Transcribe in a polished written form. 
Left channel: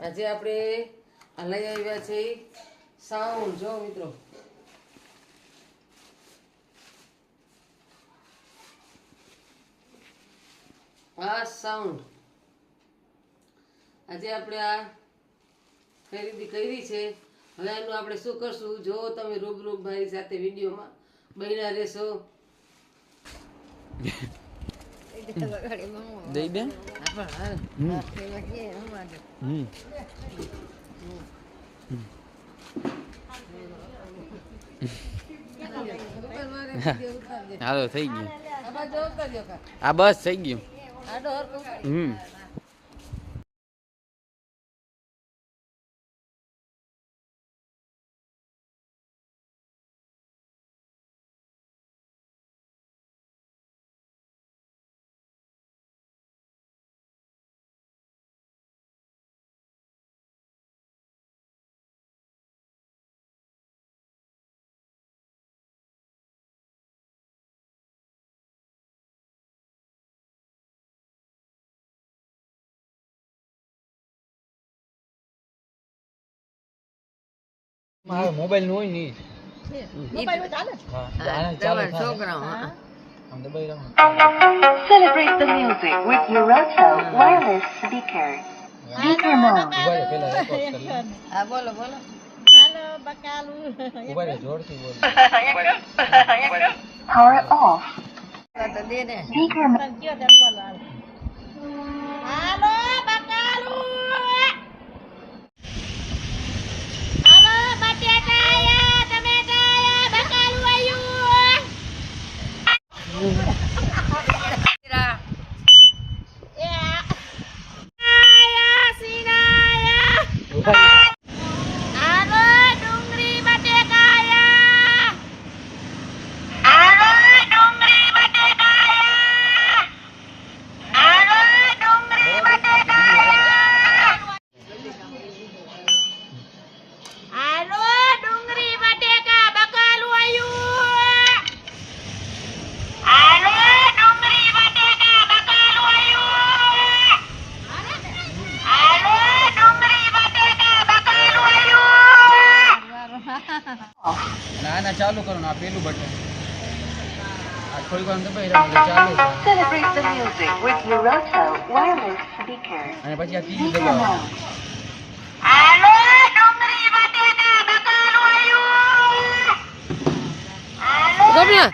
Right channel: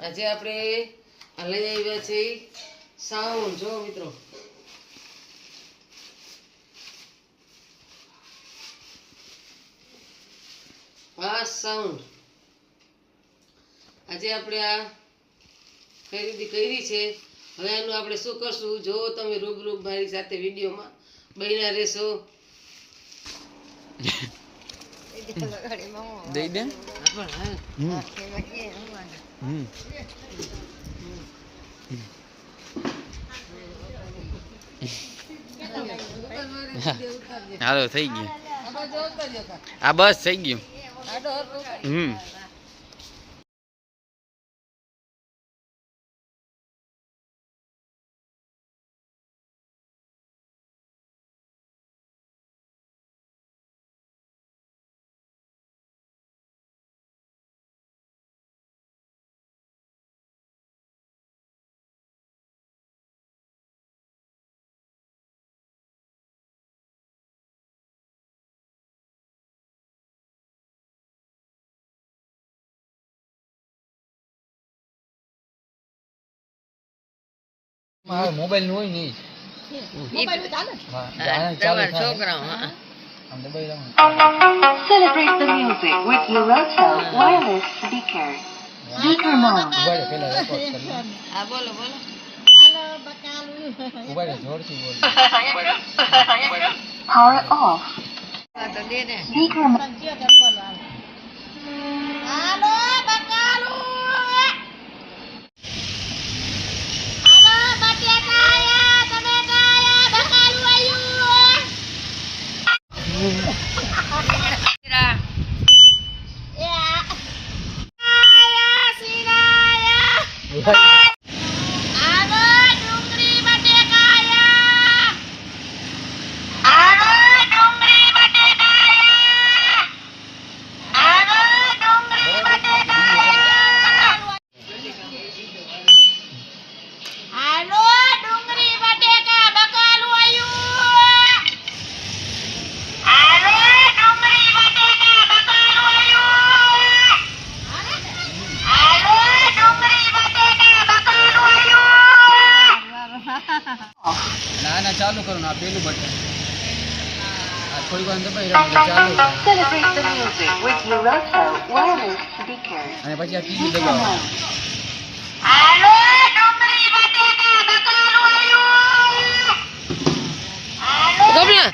આજે આપણે લઈ આવ્યા છે સાઉન્ડ જો મિત્રો આ સાઉન્ડ આજે આપણે આ ખરીદી કરી છે હવે આનું આપણે શું કરશું જો તમે રૂબરૂ મારી સાથે વિડીયોમાં બન્યા રહેશો દઈ દે હાલો થઈ ગયું આ બસ થઈ ગયું મોબાઈલ નું હોય નહીં Celebrate the music with Lurato wireless speaker. Speaker mode. બોલો બોલો Power off. Speaker mode. ના ચાલુ કરો ના પેલું બટન આ થોડી વાર દબાઈ ચાલુ Celebrate the music with Lurato wireless speaker. અને પછી આ ટીવી દબાવો ગમ્યા